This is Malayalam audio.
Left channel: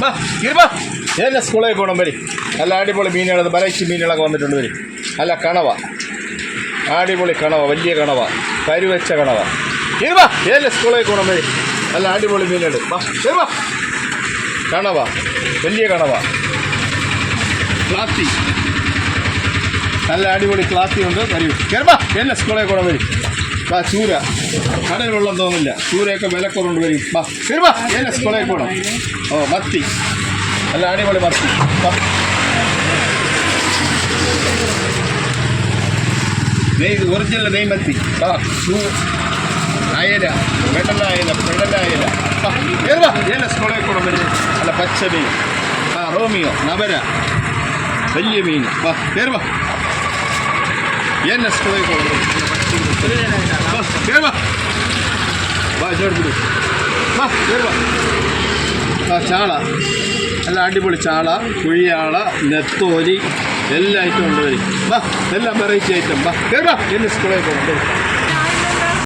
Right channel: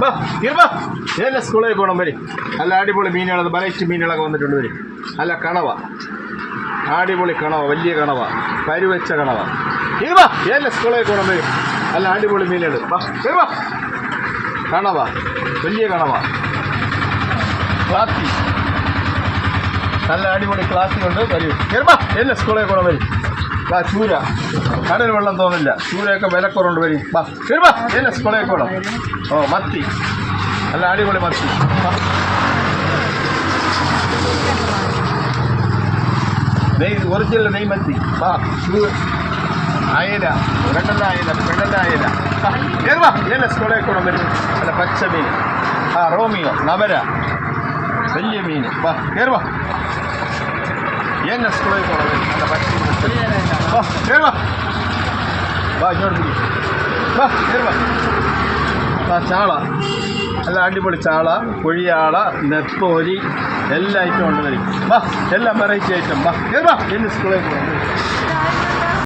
വാ ഇരുവാ ഏതെല്ലാം സ്കൂളിലേക്ക് പോകണം വരും. നല്ല അടിപൊളി മീനുകൾ, വെറൈറ്റി മീനുകളൊക്കെ വന്നിട്ടുണ്ട് വരും. അല്ല കണവ, അടിപൊളി കണവ, വലിയ കണവ, കരുവച്ച കണവ. ഇരുവാ ഏതെല്ലാം സ്കൂളിലേക്ക് പോകണം വരും. നല്ല അടിപൊളി മീനുകൾ. വാ ഇരുവാ കണവ, വലിയ കണവ, ക്ലാത്തി, നല്ല അടിപൊളി ക്ലാത്തി ഉണ്ട്. വരും കയറുവാ എല്ലാ സ്കൂളിലേക്ക് പോകണം വരും. വാ ചൂര, കടൽ വെള്ളം തോന്നില്ല, ചൂരയൊക്കെ വിലക്കുറവുണ്ട് വരും. വാ കയറുവാ എല്ലാ സ്കൂളിലേക്ക് പോകണം. ഓ മത്തി, നല്ല അടിപൊളി മത്തി. നെയ് ഒറിജിനൽ നെയ്മത്തി. വാ അയല, വെണ്ണ അയല, പെണ്ണ അയല. കയറുവാ എല്ലാ സ്കൂളിലേക്ക് പോകണം വരും. നല്ല പച്ച മീൻ, റോമിയോ, നവര, വലിയ മീൻ. വാ കയറുവാ എല്ലാ സ്കൂളിലേക്ക് പോകണം. കയറുവാ വാ ചോദിച്ചു. വാ കയറുവാ. ആ ചാള, നല്ല അടിപൊളി ചാള, കുഴിയാള, നെത്തോലി, എല്ലാ ഐറ്റം ഉണ്ട് വരും. വാ എല്ലാം വെറൈറ്റി ഐറ്റം. വാ കയറുവാ എല്ലാ സ്കൂളിലേക്ക് പോകണം.